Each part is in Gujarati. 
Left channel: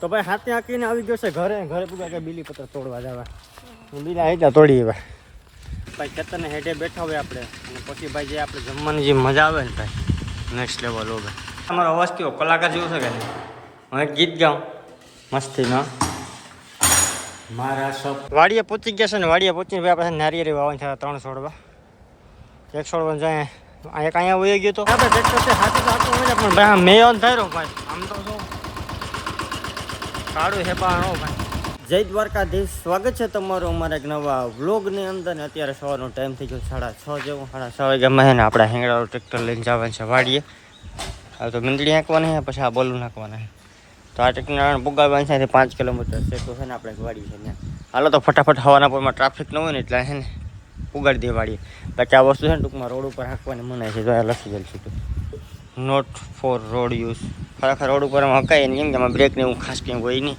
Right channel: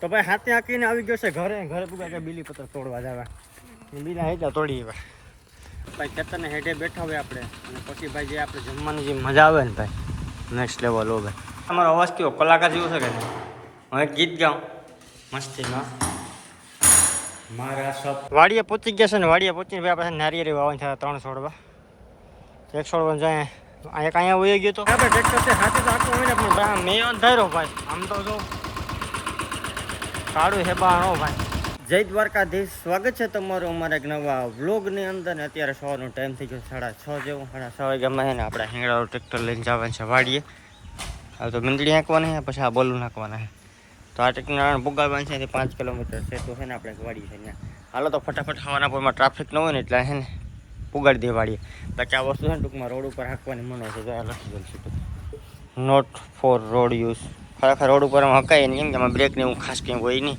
તો ભાઈ હાથે આંકીને આવી ગયો છે ઘરે. ઘરે પૂગા કે બીલી પત્ર તોડવા જવા. બીલા હેઠા તોડી એવા ભાઈ ખેતરને હેઠે બેઠા હોય આપણે. અને પછી ભાઈ જે આપણે જમવાની જે મજા આવે ને ભાઈ નેક્સ્ટ લેવલ હો ભાઈ. તમારો અવાજ કેવો? કલાકાર જેવો છે કે નહીં? હું એક ગીત ગાઉં. મસ્તીનો. મારા સપ વાડીએ પહોંચી ગયા છે ને, વાડીએ પહોંચીને ભાઈ આપણે નારિયેરી વાવન છે, ત્રણ છોડવા. એક છોડવા જાય. એક અહીંયા વહી ગયો તો. આપણે ટ્રેક્ટર છે, હાથે તો ભાઈ મેં થાય ભાઈ. આમ તો જો. કાળું હેબાણો ભાઈ. જય દ્વારકાધીશ, સ્વાગત છે તમારું અમારા એક નવા વ્લોગની અંદર. ને અત્યારે સવારનો ટાઈમ થઈ ગયો સાડા છ જેવો. સાડા છ વાગ્યામાં છે ને આપણે હેંગડાવાળું ટ્રેક્ટર લઈને જવાનું છે વાડીએ. હવે તો મીંદડી હાંકવાની છે, પછી આ બોલું નાખવાના છે. તો આ ટ્રેક્ટર પુગાવવાનું છે પાંચ કિલોમીટર છે. તો છે ને આપણે વાડી છે ત્યાં. હાલો તો ફટાફટ હવાના પરમાં ટ્રાફિક ન હોય ને એટલે છે ને પુગાડી દે વાડીએ. બાકી આ વસ્તુ છે ને ટૂંકમાં રોડ ઉપર હાંકવાની મનાય છે, તો આ લખી ગયેલું છે નોટ ફોર રોડ યુઝ ખરેખર રોડ ઉપર હકાય નહીં કેમ કે બ્રેક ને એવું ખાસ કંઈ હોય નહીં.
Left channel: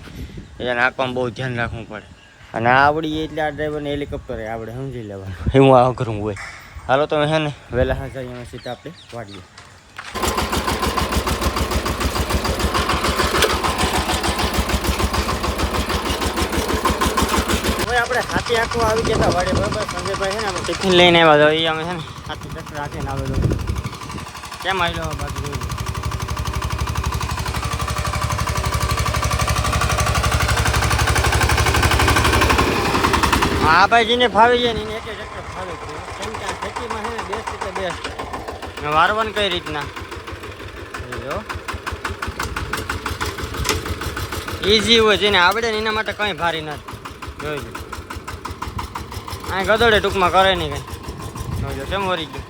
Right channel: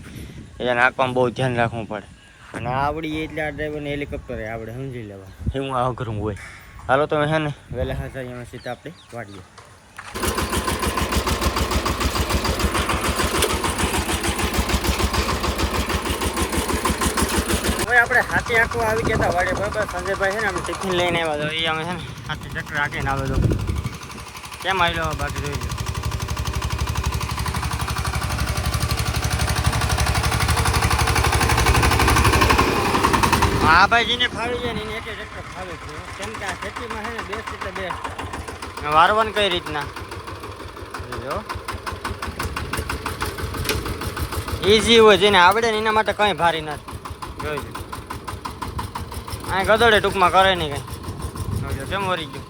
એટલે નાખવામાં બહુ ધ્યાન રાખવું પડે. અને આવડી એટલે આ ડ્રાઈવરને હેલિકોપ્ટર આપણે સમજી લેવાનું. એવું આ અઘરું હોય. હાલો તમે છે ને. વહેલા હાજર અહીંયા સીધા આપણે વાડીએ. હવે આપણે હાથી આખું આવી ગયા હતા વાડે બરાબર? સંજયભાઈ છે ને અમે ટિફિન લઈને આવ્યા હતા એ અમે છે ને હાથી ચક્કર રાખીને આવેલો. કેમ આવેલો? બાકી જોઈ હા ભાઈ જેને ફાવી જાય ને એક એક ફાવે છે. કેમ કે આ ખેતીમાં છે ને બેસ્ટ એટલે બેસ્ટ. વારવાનું કઈ રીતના? જો ઈઝી હોય જેને આવડે ને એના માટે કંઈ ભારી નથી. જોઈ લો. આ ગદડે ટૂંકમાં કરે નહીં કંઈ. જોજો કેમ વરી ગયું?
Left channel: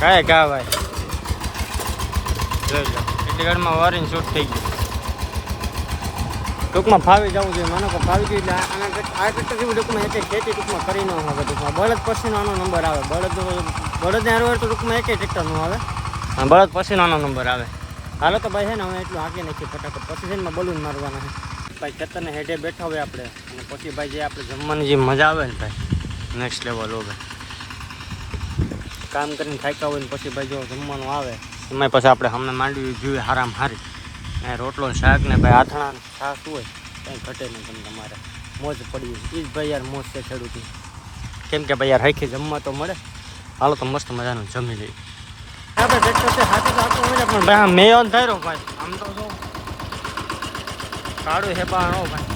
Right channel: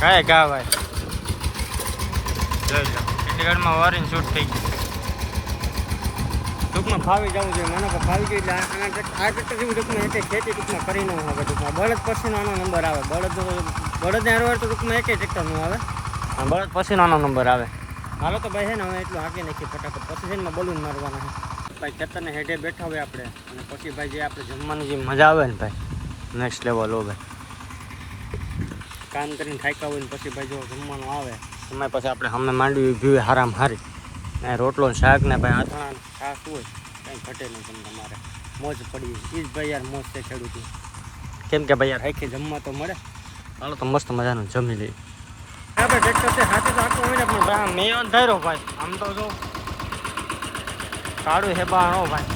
કાંઈ કા ભાઈ જોઈ લો ચંડીગઢમાં વરીને શૂટ થઈ ગયું. ટૂંકમાં ફાવી જવું જોઈએ. મને તો ફાવી ગયું એટલે આના આ જેવું ટૂંકમાં એક ખેતી ટૂંકમાં કરી ન આવે ટૂંકમાં. બળદ પછીનો આનો નંબર આવે. બળદ બળદને હારવાર તો ટૂંકમાં એકે ટ્રેક્ટરનું આવે. અને બળદ પછીનો આનો નંબર આવે. હાલો તો ભાઈ છે ને હવે એટલું હાંકી નાખીએ ફટાફટ. પછી જઈને બલૂન મારવાના છે. ભાઈ ખેતરને હેઠે બેઠા હોય આપણે. અને પછી ભાઈ જે આપણે જમવાની જે મજા આવે ને ભાઈ નેક્સ્ટ લેવલ હો ભાઈ કામ કરીને થાક્યા હોય ને પછી ભાઈ જો જમવાનું આવે. એમાં પછી આપણે હમણાં માંડવી ભીવે હારામ હારી. ને રોટલો ને શાક ને ભાઈ આથણા ને છાશ હોય કંઈ ઘટે નહીં તમને તમારે. મોજ પડી એ જ ભાઈ યાર મોજ છે ખેડૂતની. કેમ કે ભાઈ યાર હરખી જમવા તો મળે. હાલો તો મસ્ત મજાનું જમી લઈએ. આપણે ટ્રેક્ટર છે હાથે તો હાથું હોય પણ. ભાઈ મેં થાય ભાઈ. આમ તો જો કાળું હેબાણો ભાઈ.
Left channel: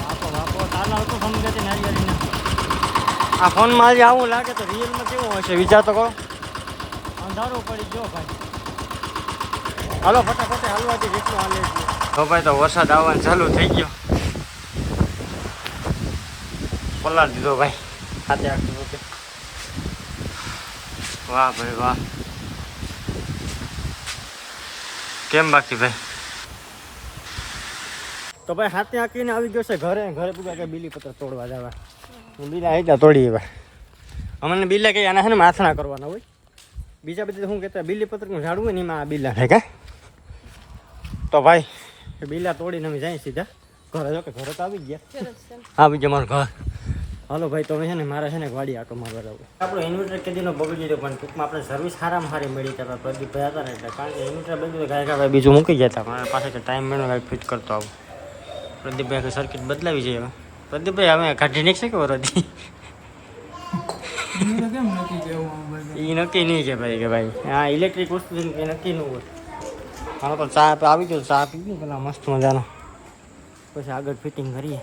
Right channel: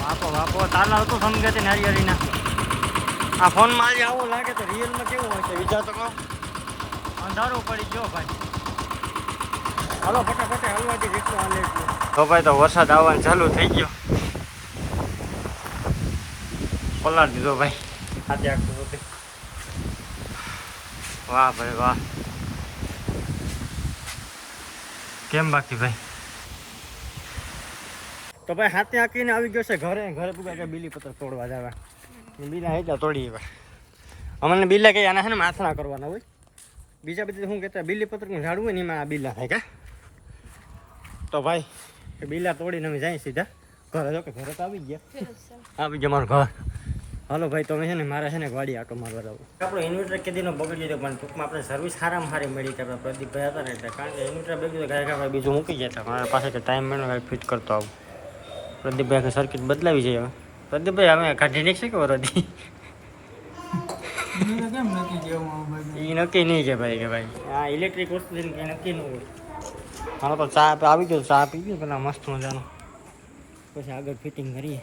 વાપો વાપો. તાલા હતું સમજે છે નારિયેળીના આ ફોનમાં આજે આવું લાગે તો રિયલમાં કેવું હશે વિચાર તો કરો. અંધારું પડી ગયો ભાઈ. હાલો ફટાફટ હાલવા દે જેટલું હાલે તો ભાઈ તો વરસાદ આવવાનું ચાલુ થઈ ગયો. પલાળ દીધો ભાઈ. હાથે આખું રૂપે વાહ ભાઈ વાહ. કેમ બાકી ભાઈ? તો ભાઈ હાથે આંકીને આવી ગયો છે ઘરે. ઘરે પૂગા કે બીલી પત્ર તોડવા જવા. બીલા હેઠા તોડી એવા અમને બીલા કઈ આના છે ને માથણા કરવાના હોય. બીજા બધા શું કહેતા બીલી પત્રનું ઝાડવું હોય ને એમાં આ બીલા થાય કા? તો ભાઈ બીલા તોડીને અમે જાય સીધા. ઘરે જો કે ઘરે તો આવી ગયા. આવી ગયા મારું ઘર. હાલો ભાઈ તમે છે ને મારે છે ને ગાડી આટો મારવા જવું. આપણો ઇન્વર્ટર કેદીનો બગડી ગયો પણ ટૂંકમાં આપણે સર્વિસ સારામાં સારી મળી હતા પ્રદીપભાઈ હતા ને એટલે કારણ કે ઇન્વર્ટર બગડ્યું ગાય ગાય બીજું મૂકી જતા મારા પાસે ટાઈમ મેળો ગાય ફિટ કરતો આવું. પ્રદીપભાઈ આખી સર્કિટ બદલાવી જઈએ હવે. પ્રદીપભાઈ અમે કાઢી નીકળશે કે વરદી? એ નક્કી નહીં છે ભાઈ કે ભાઈ. આ ઇલેક્ટ્રિક વસ્તુ કંઈ નક્કી ન હોય. હાલો તો ચા આવી ગયો ચા પી ગયો પેલા મસ્ત મજાનો. પછી આગળ ફિટિંગ કરીએ.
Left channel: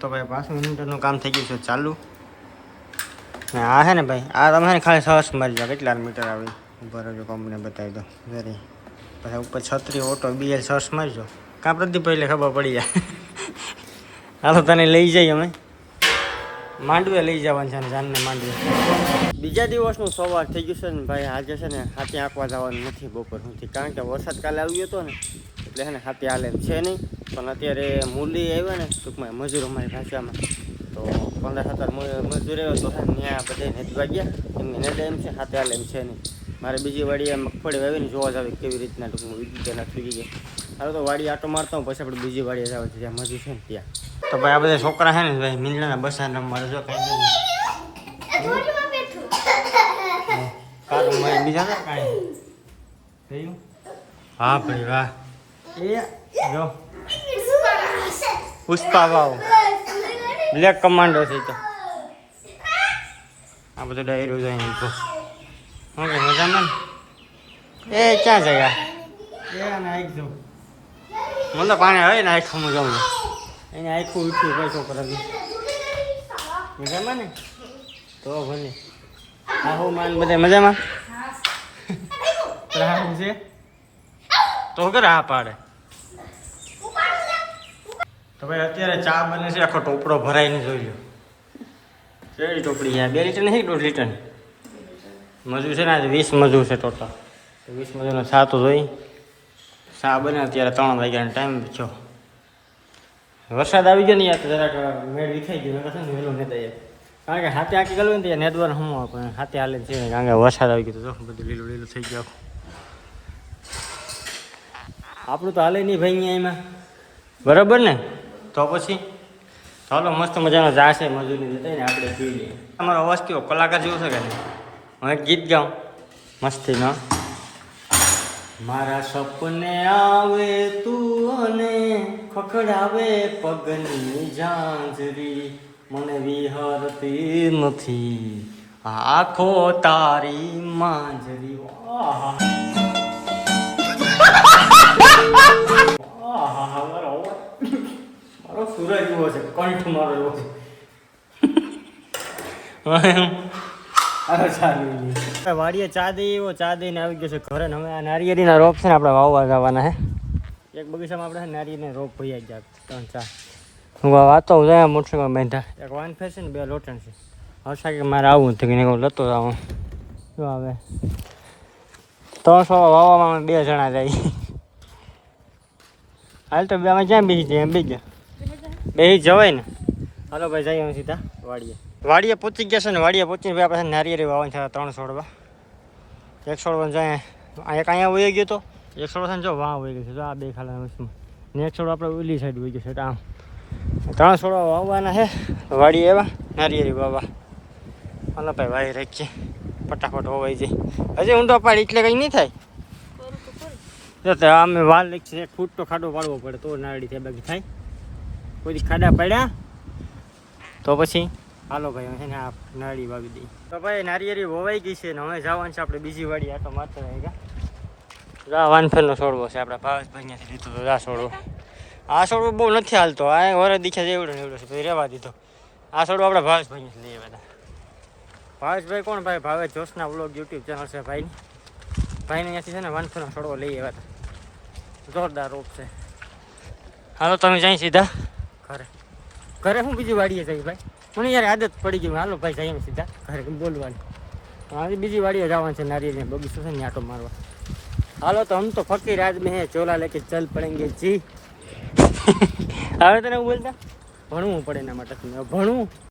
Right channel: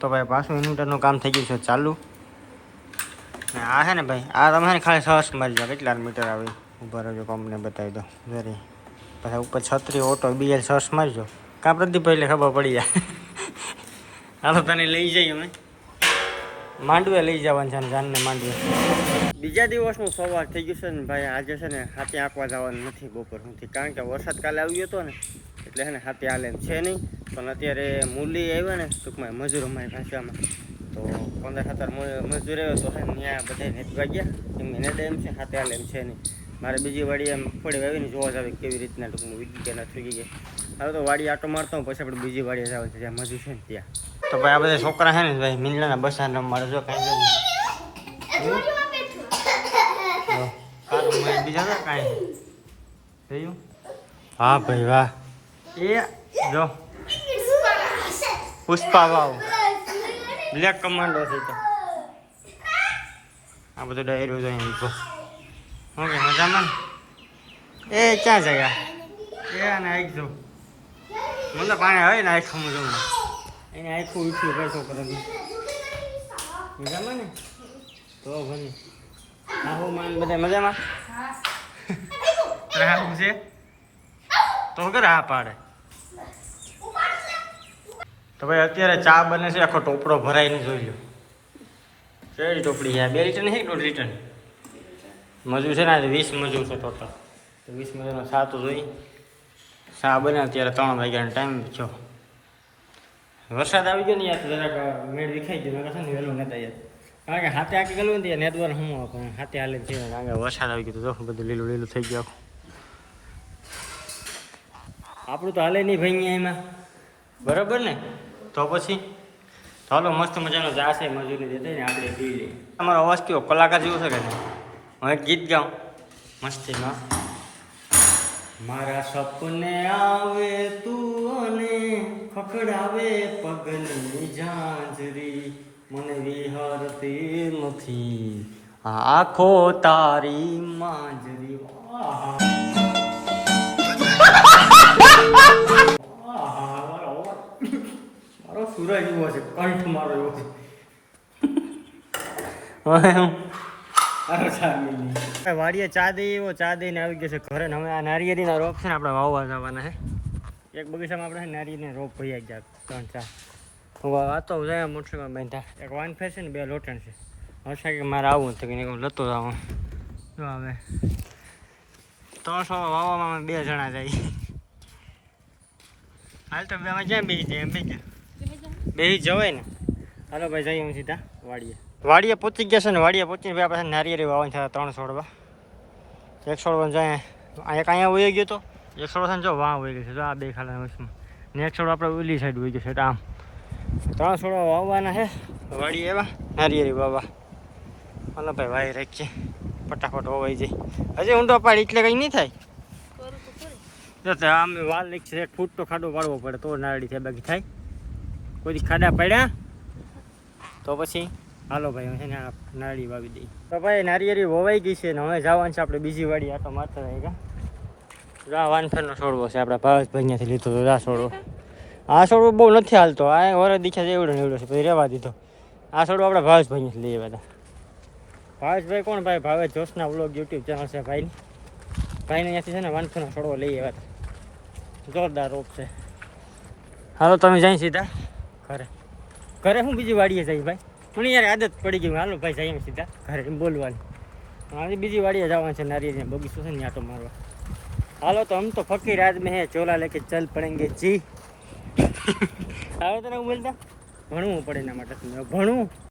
તો ભાઈ પાછું ઇન્વર્ટરનું કામ થઈ ગયું છે, ચાલુ. ને આ છે ને ભાઈ, આ તમે ખાલી સર્ચ મારી જાઓ, કેટલા મીટર આવી? ઊભા રહેજો કંપની બતાવી દો જરી પછી ઉપર છત્રી ઓટો બીએલ, સર્ચ મારજો કાં પ્રદીપભાઈ એટલે ખબર પડી જાય. હાલો, તને લઈ જઈએ અમે. માંડવે લઈ જવાનું છે જાનને માંડવે. બીજા દિવસનું સવાર થઈ ગયું છે ને ભાઈ, આજે છે ને હાથે આંકવા જવાનું નથી બપોર સુધી કારણ કે વરસાદ કાલે આવ્યો હતો ને, એટલે છે ને હાથે હાલે છે નહીં. પણ અત્યારે મૂલી આવ્યા ને, ટૂંકમાં મજૂર અમારી ભાષામાં. તો પંદર સત્તર મજૂર આવ્યો તો ત્યાં બધા નેતવા ગયા કે નેડે એમ છે, હાથે હાલે છે નહીં. મારે બીજી વાડીએ મગફળી વાવીને જોવા જાવ કેવી રીતના ટૂંકમાં વિદ્યુત નથી થઈ ગઈ હવે તો વાડી આટો મારતો હોય પછી આપણે બીજી વાડીએ જવાનું છે, જ્યાં મજૂર છે ને ત્યાં. તો ભાઈ આ બધા છોકરા છે ને, ભાઈ મીંડલાના બસા મારે જો કાંઈ બીજા હતા કાંઈ થયું હા ભાઈ વાહ. એ જો. પુષ્પા વાવ બ્લેક કમાન્ડો છે તો. આ બધું ડાયરો જાય તો ઓકે મજામાં ને? એ ક્યાં ગયા એ અને આઈ જો મને પાણી આવે ને આખું મજામાં એને આખું ઉઠ્યું કઈ છોકરા મજામાં ને? તો ભલે. હા હો માન બધા મજામાં? રાહુલ છે? તો કે રાહ પાડે? તો ભાઈ અત્યારે ચા બને છે, આખો ટોપડો ભરાઈને જોઈ લો. કેવી ટોપડી છે બે લીટર નહીં દોઢ લીટર મજૂર છે ને વીસ મજૂર છે ટોટલ તો વીસ મજૂરનો ચા તો જોઈ. ચા બને અત્યારે ત્રણ વાગ્યાનો ટાઈમ થયો. વરસાદ આવી ગયો ને યાર જરાક મેળ વિખાઈ ગયો. મેં કહે ને વહેલું નતા યાર. કારણ કે હાથે આખી ગયું ને ત્યાં હું આપણે હાથે હાલે છે કારણ કે વરસાદ આવી ગયો તો બધું લીલું લીલું થઈ ગયું આપણું તો હાલે નહીં ભાઈ એમાં. બરાબર ને? તો પછી? ચાલો મસ્ત મજાનો જાશે મજૂરી જતા ને આપણે પી લઈએ. તમારો અવાજ કેવો? કલાકાર જેવો છે કે નહીં? હું એક ગીત ગાઉં. મસ્તીનો. મારા સપને આવે તું અને ખખડાવે પગની ઝાંઝરી. મને વિહરતી નથી. આખો તારી માંજરી મારો. સુરજ એવો છે, કંઠ મારો એવો છે. વાડીએ ચાદી એવો ચા દઈને આવી ગયો છે ઘરે હવે આ નારિયેળીના રોપ છે ને આપણે વાવવા જવાના હે. એક બગીચામાં આપણે છે રોપ ભૈયા ગયા, ત્રણ, ચાર. વાતો જાય મોટરસાઇકલ બાંધા એક વાન ફેસે ને બે લોટણ છે. કે મારે આવું હતું કે લતો આવું શું આવે? ત્રણસો વાવવામાં અમે બે જણા જાય. હાલ તો બે અમે બેસી જાય એમ બી ગયા. બેસી જવાય ને. હાલો ભાઈ, જઈએ અમે સીધા. વાડીએ. વાડીએ પહોંચી ગયા છે ને, વાડીએ પહોંચીને ભાઈ આપણે નારિયેરી વાવન થયા ત્રણ છોડવા. એક છોડવા જાય. એક અહીંયા વહી ગયો તો. એક છોડવા જો વાં વહી ગયો છે. જો આ બે ખાલા ને એક છોડવા આપણે ઓલી સાઈડ વહી ગયો છે, આમ. ત્રણ છોડવા વાવવાના છે. વાડી એવા. નારિયેળી વાવવા. હાલો ભાઈ વાય રાખીએ. ફટાફટ હોવાઈ જાય. હજી ઊંડો પાડી એટલે કંઈ નહીં થાય? તો આમ વાલ છે એક ફૂટ તો ખાડો પાડવો પડે, તો નારડી થાય બાકી થાય. કોઈ ખાડા પડ્યા? તો પછી? હાલો ભાઈ છે ને આ નારડી વાવી દઈએ તો ભાઈ, નારિયેળી વવાઈ ગઈ છે ને હવે જવાનું છે આપણે બીજી વાડી આટો મારતા રહી જા વાનફેલનો છોડવો છે. આપણા ભાવેશભાઈ અહીંયાથી લીધો તો જા છોડવો. આ છોડવો બહુ નથી હાલતો. આ વરે દીખ્યા છે, એવડો ને એવડો છે. પછી રહેવા દીધો. આ છોડવો આપણે ભાવેશભાઈ અહીંયાથી લીધા હતા ભાવેશભાઈ કોણ ભાઈ? ભાવેશ જોશના બ્લોગ યુટ્યુબ ચેનલ છે ભાઈની. ભાઈને અહીંયાથી છે ને વાનફેલનો છોડવો લઈ આવ્યા હતા. જોરદાર રોપ છે. હાલો, તમે જાય સીધા ઘરે. ઘરે હું બીજી વાડીએ જઈ ભાઈ? મને યાર આદત પડી ગઈ. હાલો ભાઈ, જઈએ સીધા ઘરે બોલવાની. મારી બીજી વાડીએ જવાનું છે, નારિયેળ બગીચો છે ને આટો મારવા. હાલો, તો હમ તો ફકીર આજ હે, ચોલા લેકે ચલ પડેંગે જી. હવે તને બોલતા? ભણવું પડે એના માટે ભણવું?